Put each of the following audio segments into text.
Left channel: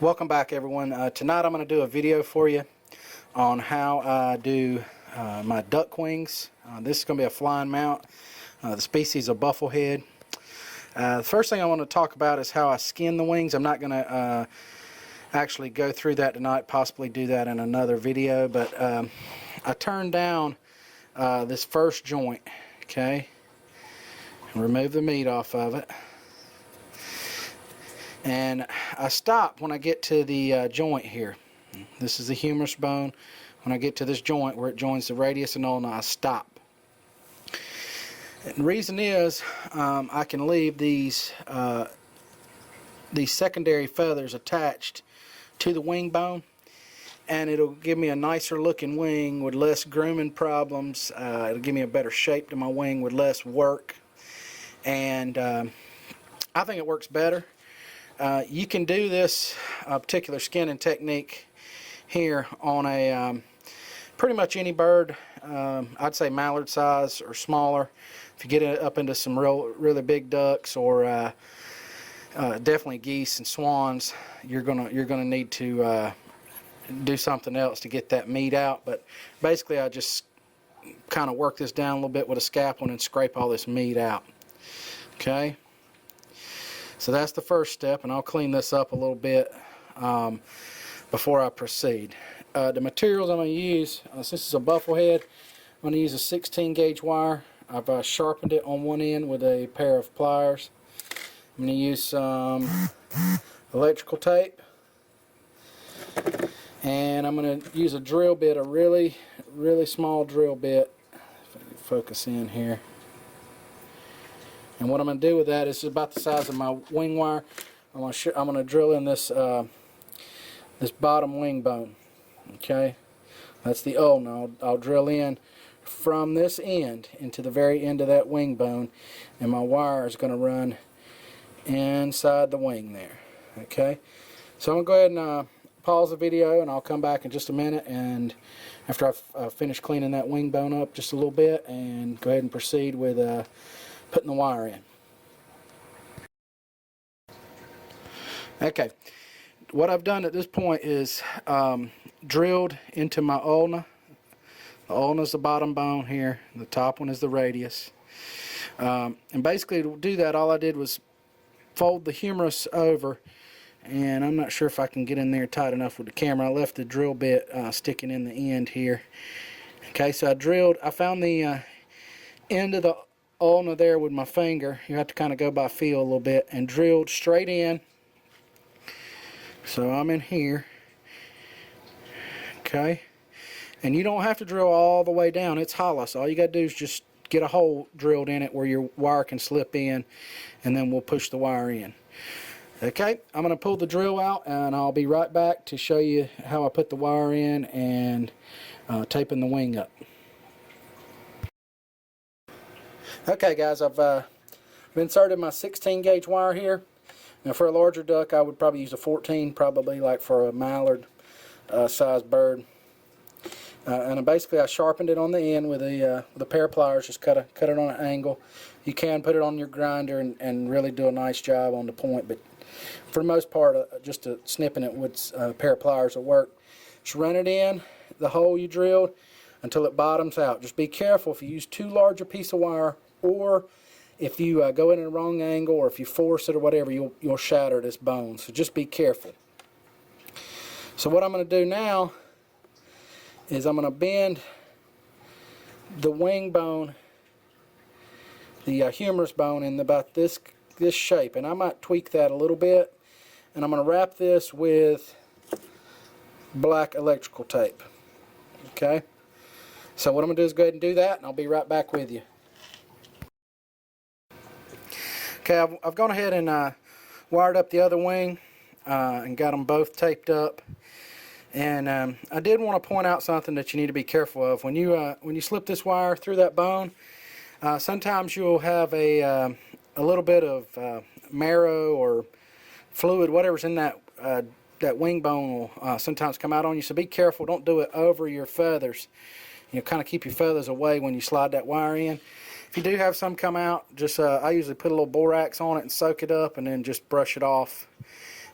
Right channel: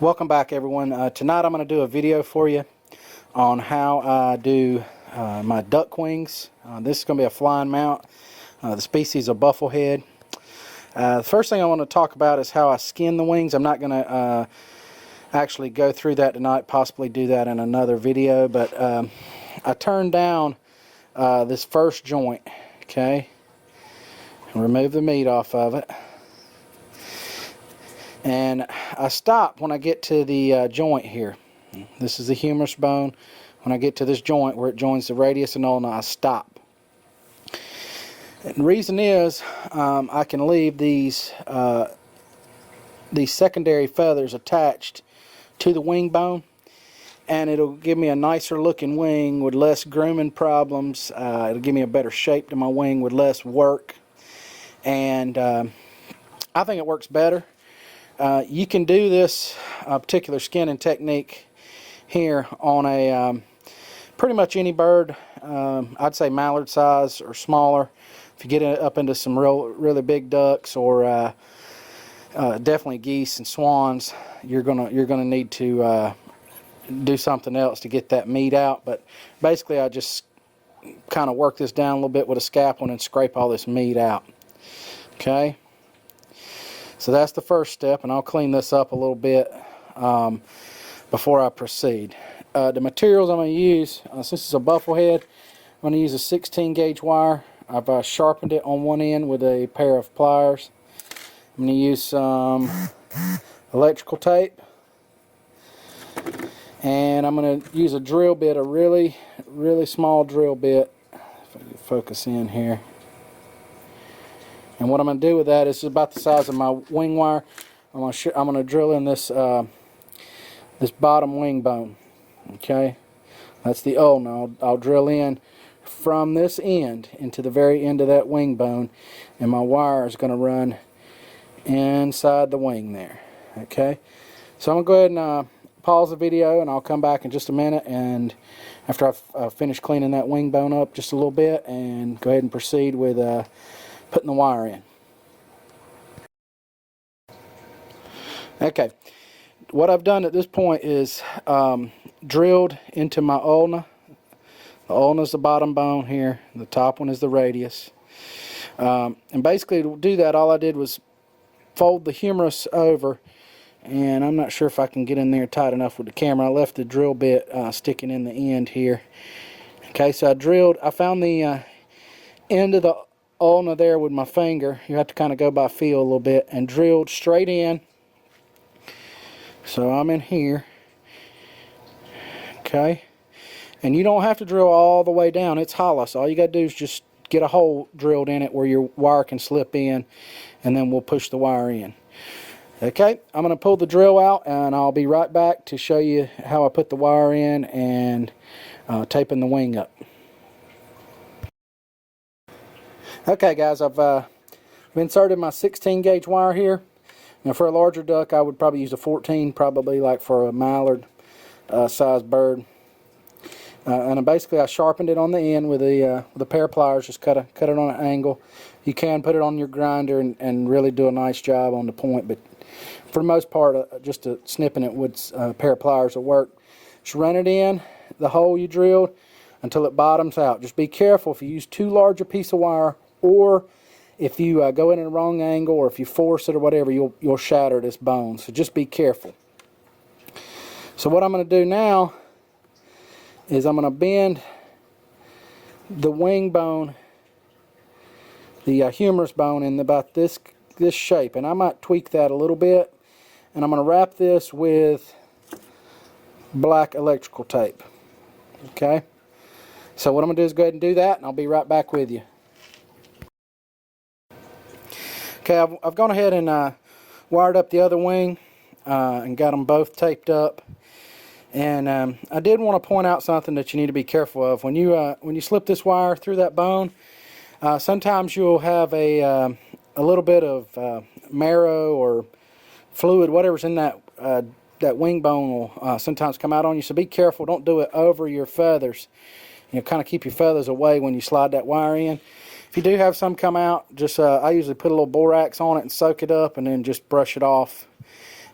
Welcome back, everyone. Tonight I'm going to do a video for you on how I do my duck wings. This is going to be a flying mount. The species of bufflehead. The first thing I want to talk about is how I skin the wings. I'm not going to actually go through that tonight, possibly do that in another video, but I turned down this first joint, okay, and remove the meat off of it. And I stop when I get to the joint here. This is the humerus bone. When I get to this joint where it joins the radius and ulna, I stop. And the reason is I can leave these secondary feathers attached to the wing bone, and it'll give me a nicer looking wing with less grooming problems. It'll give me a better shape to my wing with less work, and I think it works better. You can do this particular skinning technique here on a pretty much any bird. I'd say mallard size or smaller. If you get up into some really big ducks or definitely geese and swans, you're gonna need to do something else to get that meat out. But basically, I just kind of work this down a little bit with a scalpel and scrape all this meat out. Okay. So that's the first step, and I'll clean this up a little bit before I proceed. The materials I'm going to use, since it's a bufflehead, I'm going to use a 16 gauge wire. I've sharpened it on one end with a pair of pliers. I'm going to use some electrical tape, and I'm going to use a drill bit, a really small drill bit. If I can focus in here. And what I'm going to do with that is about the size of my wing wire. I'm going to drill in this this bottom wing bone. Okay, that's the ulna. I'll drill in from this end into the very end of that wing bone, and my wire is going to run inside the wing there. Okay, so I'm going to go ahead and pause the video, and I'll come back in just a minute, and after I've finished cleaning that wing bone up just a little bit, and go ahead and proceed with putting the wire in. Okay, what I've done at this point is drilled into my ulna. The ulna is the bottom bone here. The top one is the radius. And basically, to do that, all I did was fold the humerus over, and I'm not sure if I can get in there tight enough with the camera. I left the drill bit sticking in the end here. Okay, so I found the end of the ulna there with my finger. You have to kind of go by feel a little bit, and drilled straight in. So I'm in here. Okay, and you don't have to drill all the way down. It's hollow, so all you got to do is just get a hole drilled in it where your wire can slip in, and then we'll push the wire in. Okay, I'm going to pull the drill out, and I'll be right back to show you how I put the wire in and taping the wing up. Okay guys, I've inserted my 16 gauge wire here. Now for a larger duck, I would probably use a 14, probably like for a mallard size bird. And basically I sharpened it on the end with a pair of pliers, just cut it on an angle. You can put it on your grinder and really do a nice job on the point, but for the most part, just snipping it with a pair of pliers will work. Just run it in the hole you drilled until it bottoms out. Just be careful if you use too large a piece of wire, or if you go in the wrong angle, or if you force it or whatever, you'll shatter this bone. So just be careful. So what I'm going to do now is I'm going to bend the wing bone, the humerus bone, in about this shape, and I might tweak that a little bit. And I'm going to wrap this with black electrical tape. Okay. So what I'm going to do is go ahead and do that, and I'll be right back with you. Okay, I've gone ahead and wired up the other wing and got them both taped up. And I did want to point out something that you need to be careful of. When you slip this wire through that bone, sometimes you'll have a little bit of marrow or fluid, whatever's in that wing bone will sometimes come out on you. So be careful. Don't do it over your feathers. Kind of keep your feathers away when you slide that wire in. If you do have some come out, just I usually put a little borax on it and soak it up, and then just brush it off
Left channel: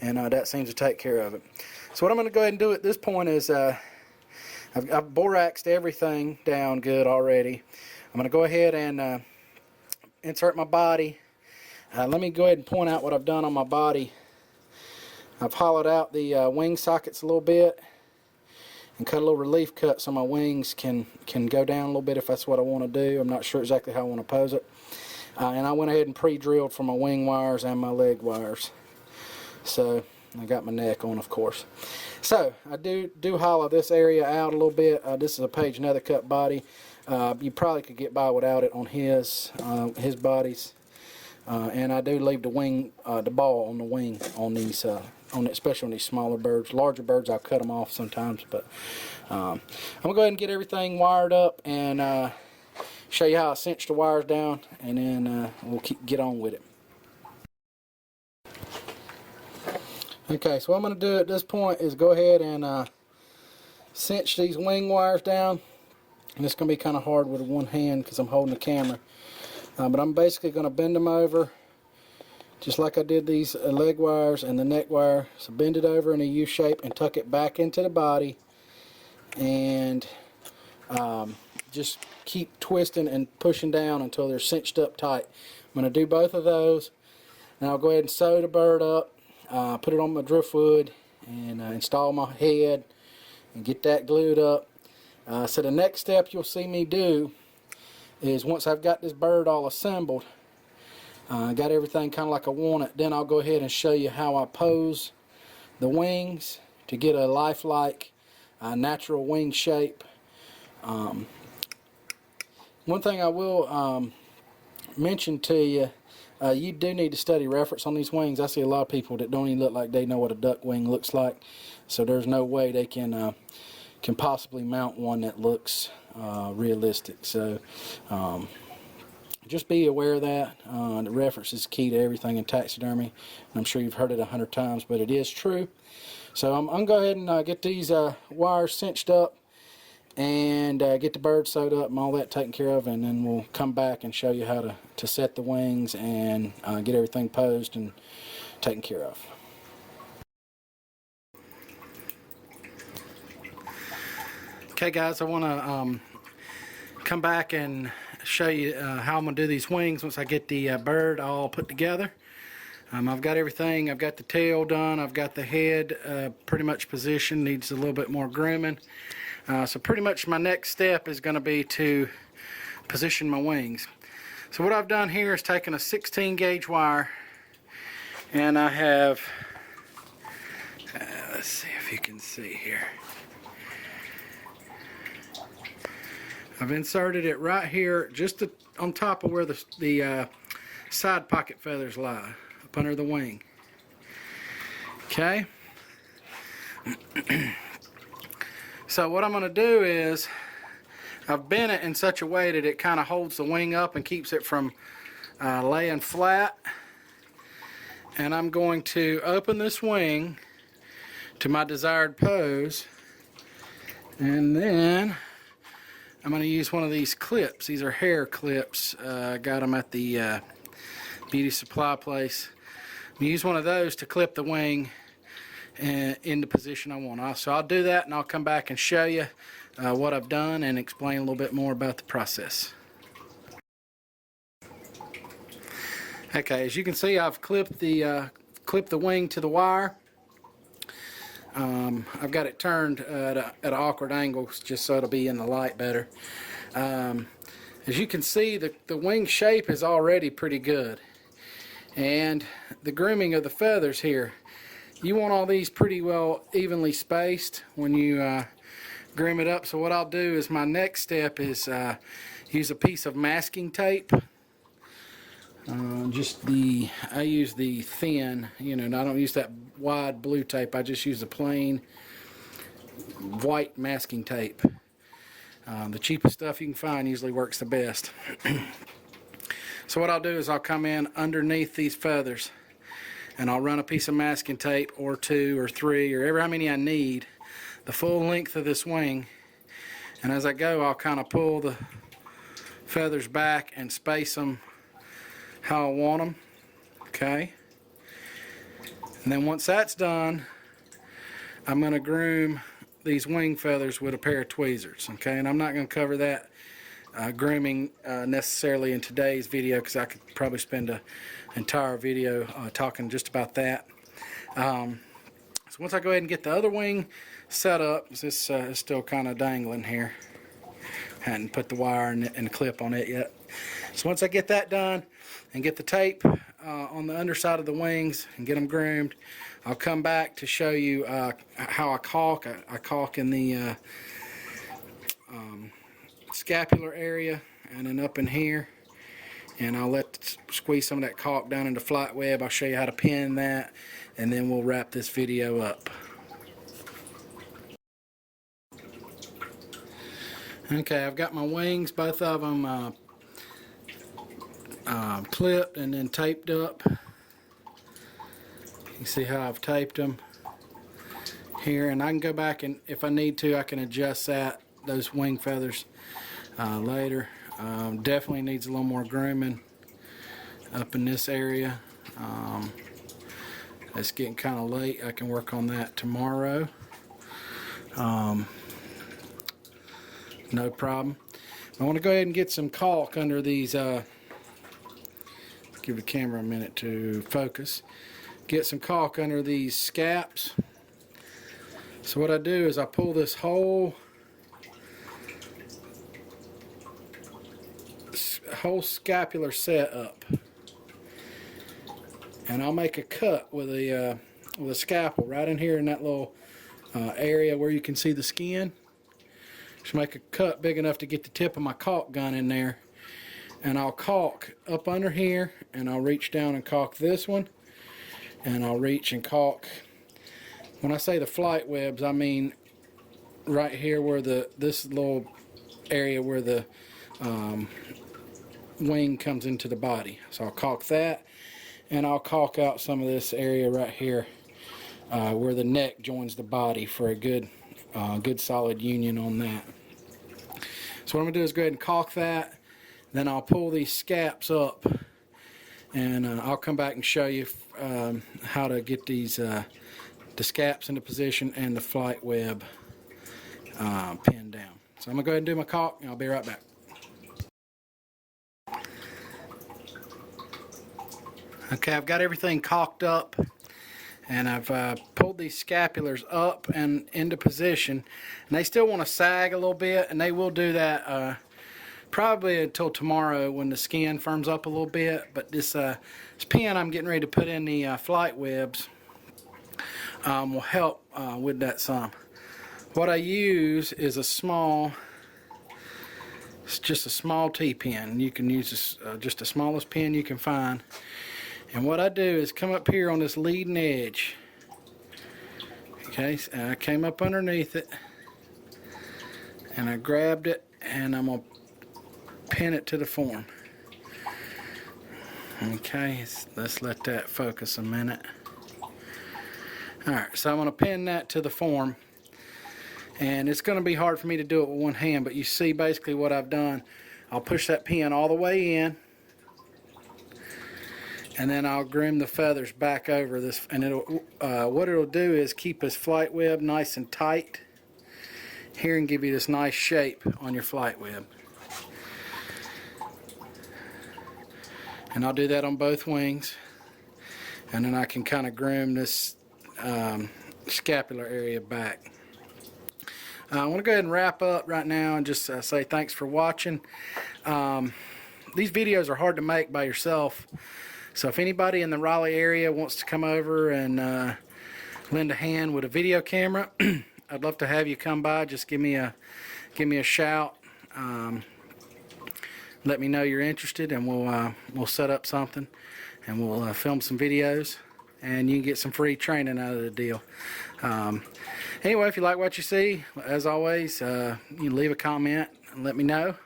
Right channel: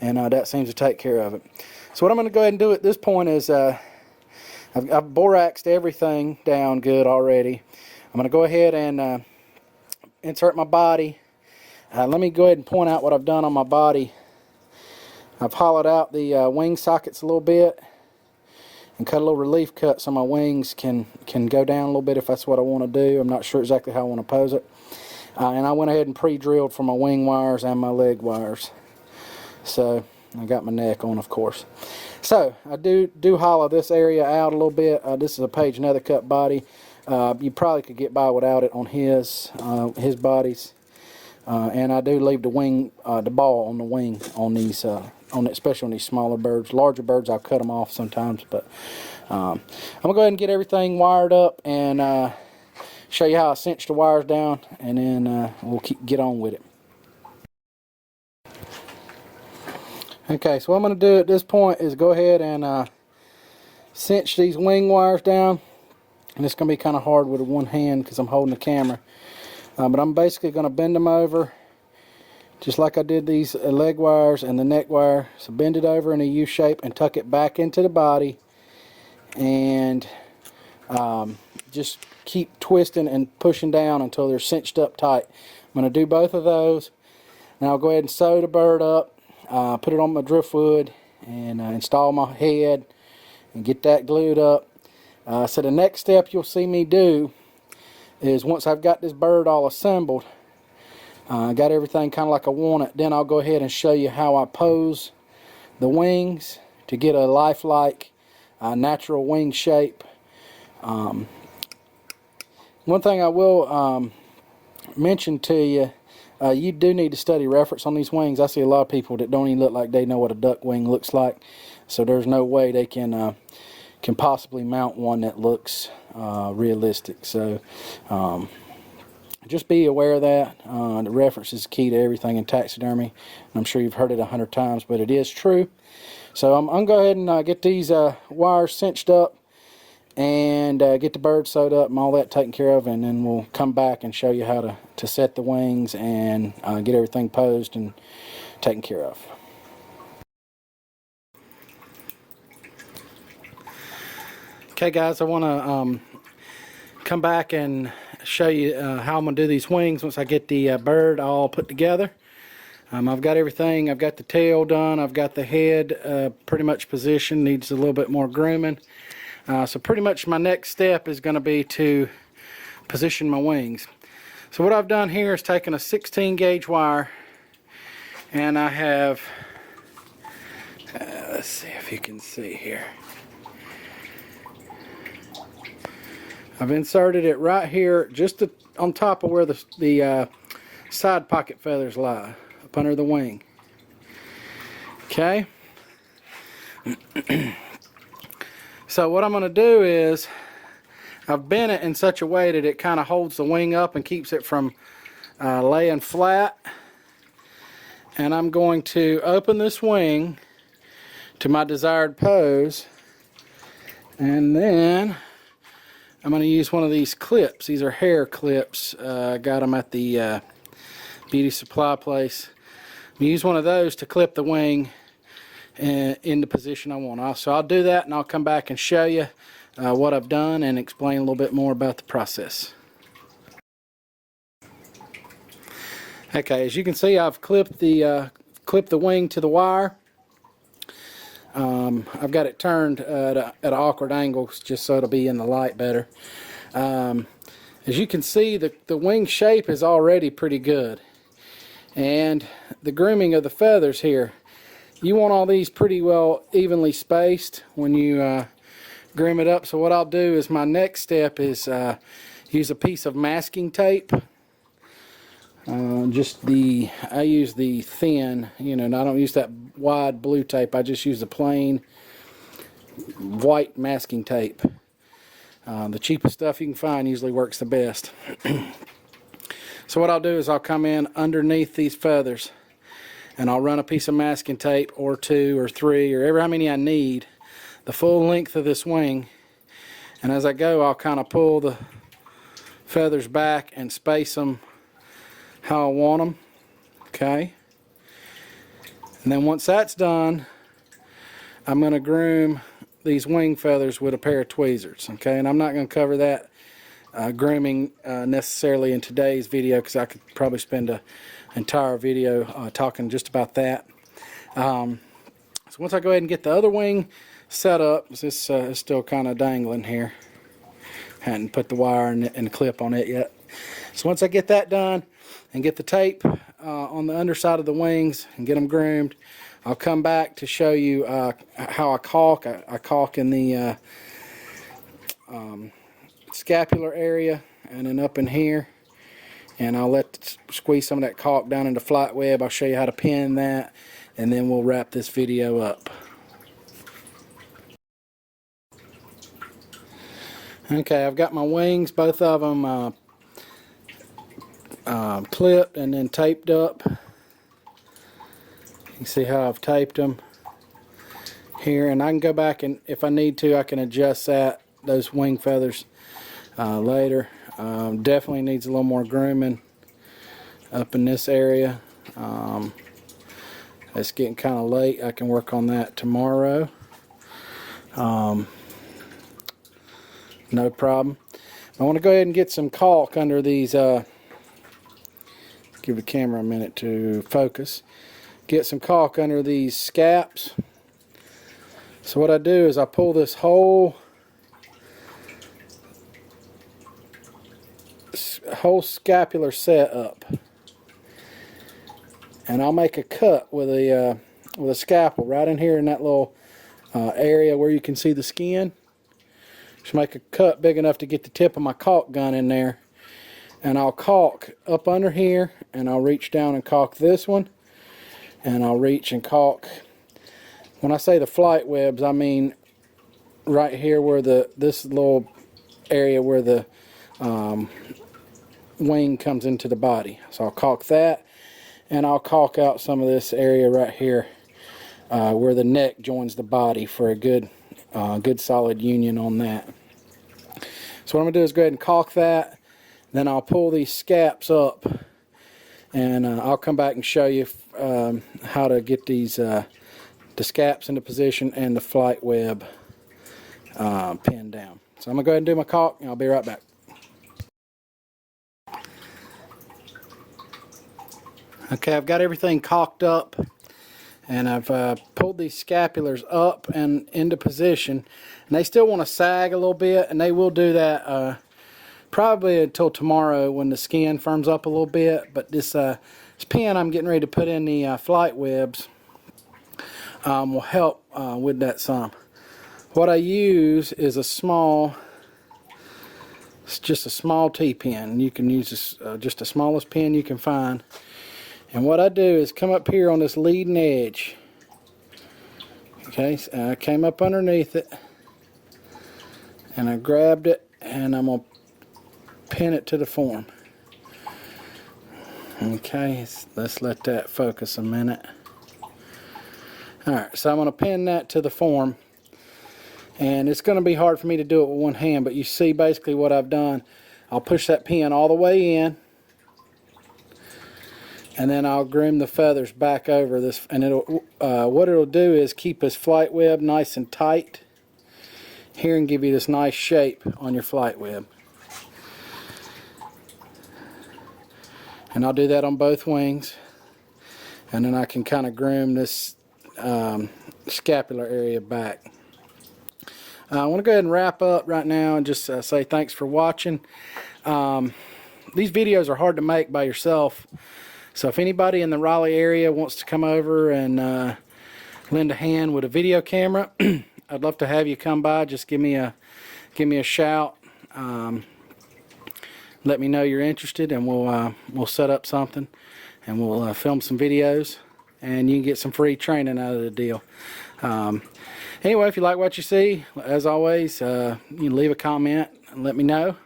and that seems to take care of it. So what I'm going to go ahead and do at this point is I've boraxed everything down good already. I'm going to go ahead and insert my body. Let me go ahead and point out what I've done on my body. I've hollowed out the wing sockets a little bit and cut a little relief cut so my wings can go down a little bit if that's what I want to do. I'm not sure exactly how I want to pose it. And I went ahead and pre-drilled for my wing wires and my leg wires. So I got my neck on, of course. So I do hollow this area out a little bit. This is a Page Nether cut body. You probably could get by without it on his bodies. And I do leave the wing, the ball on the wing on these, especially on these smaller birds. Larger birds, I'll cut them off sometimes. But I'm gonna go ahead and get everything wired up and show you how I cinch the wires down, and then we'll get on with it. Okay, so what I'm going to do at this point is go ahead and cinch these wing wires down. And it's going to be kind of hard with one hand because I'm holding the camera. But I'm basically going to bend them over just like I did these leg wires and the neck wire. So bend it over in a U shape and tuck it back into the body. And just keep twisting and pushing down until they're cinched up tight. I'm going to do both of those. Now I'll go ahead and sew the bird up. Put it on my driftwood and install my head and get that glued up. So the next step you'll see me do is once I've got this bird all assembled, got everything kind of like I want it, then I'll go ahead and show you how I pose the wings to get a lifelike natural wing shape. One thing I will mention to you, you do need to study reference on these wings. I see a lot of people that don't even look like they know what a duck wing looks like, so there's no way they can possibly mount one that looks realistic. So just be aware of that. The reference is key to everything in taxidermy. I'm sure you've heard it 100 times, but it is true. So I'm going to go ahead and get these wires cinched up and get the bird sewed up and all that taken care of, and then we'll come back and show you how to set the wings and get everything posed and taken care of. Okay guys, I want to come back and show you how I'm going to do these wings once I get the bird all put together. I've got everything. I've got the tail done. I've got the head pretty much positioned. Needs a little bit more grooming. So pretty much my next step is going to be to position my wings. So what I've done here is taken a 16 gauge wire, and I have, let's see if you can see here. I've inserted it right here, just on top of where the side pocket feathers lie, up under the wing. Okay. So what I'm going to do is I've bent it in such a way that it kind of holds the wing up and keeps it from laying flat. And I'm going to open this wing to my desired pose, and then I'm going to use one of these clips. These are hair clips. I got them at the beauty supply place. I'm use one of those to clip the wing in the position I want. So I'll do that, and I'll come back and show you what I've done and explain a little bit more about the process. Okay, as you can see, I've clipped the wing to the wire. I've got it turned at an awkward angle just so it'll be in the light better. As you can see, the wing shape is already pretty good, and the grooming of the feathers here, you want all these pretty well evenly spaced when you groom it up. So what I'll do is my next step is use a piece of masking tape. I use the thin, I don't use that wide blue tape. I just use the plain white masking tape. The cheapest stuff you can find usually works the best. So what I'll do is I'll come in underneath these feathers, and I'll run a piece of masking tape, or 2 or 3 or ever how many I need, the full length of this wing. And as I go, I'll kind of pull the feathers back and space them how I want them. Okay. And then once that's done, I'm going to groom these wing feathers with a pair of tweezers. Okay, and I'm not going to cover that grooming necessarily in today's video, because I could probably spend an entire video talking just about that. So once I go ahead and get the other wing set up, this is still kind of dangling here. Hadn't put the wire and the clip on it yet. So once I get that done and get the tape on the underside of the wings and get them groomed, I'll come back to show you how I caulk. I caulk in the scapular area and then up in here, and I'll squeeze some of that caulk down into flight web. I'll show you how to pin that, and then we'll wrap this video up. Okay, I've got my wings, both of them clipped and then taped up. You can see how I've taped them here, and I can go back and if I need to, I can adjust those wing feathers later. Definitely needs a little more grooming up in this area. It's getting kind of late. I can work on that tomorrow. No problem. I want to go ahead and get some caulk under these. Give the camera a minute to focus. Get some caulk under these scaps. So what I do is I pull this whole scapular set up, and I'll make a cut with a scalpel right in here in that little area where you can see the skin. Just make a cut big enough to get the tip of my caulk gun in there, and I'll caulk up under here, and I'll reach down and caulk this one, and I'll reach and caulk. When I say the flight webs, I mean right here where this little area where the wing comes into the body. So I'll caulk that, and I'll caulk out some of this area right here where the neck joins the body for a good solid union on that. So what I'm going to do is go ahead and caulk that, then I'll pull these scaps up, and I'll come back and show you how to get these the scaps into position and the flight web pinned down. So I'm going to go ahead and do my caulk, and I'll be right back. Okay, I've got everything caulked up, and I've pulled these scapulars up and into position, and they still want to sag a little bit, and they will do that probably until tomorrow when the skin firms up a little bit. But this pin I'm getting ready to put in the flight webs will help with that some. What I use is it's just a small T-pin. You can use this, just the smallest pin you can find. And what I do is come up here on this leading edge. Okay, and I came up underneath it, and I grabbed it, and I'm going to pin it to the form. Okay, let's let that focus a minute. Alright, so I'm going to pin that to the form, and it's going to be hard for me to do it with one hand, but you see basically what I've done. I'll push that pin all the way in, and then I'll groom the feathers back over this, and what it'll do is keep this flight web nice and tight here and give you this nice shape on your flight web. And I'll do that on both wings, and then I can kind of groom this scapular area back. I want to go ahead and wrap up right now and just say thanks for watching. These videos are hard to make by yourself. So if anybody in the Raleigh area wants to come over and lend a hand with a video camera, I'd love to have you come by. Just give me a shout. Let me know you're interested, and we'll set up something, and we'll film some videos, and you can get some free training out of the deal. Anyway, if you like what you see, as always, you can leave a comment and let me know,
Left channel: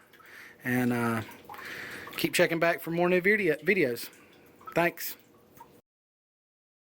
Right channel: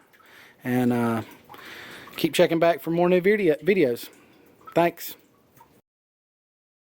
and keep checking back for more new videos. Thanks.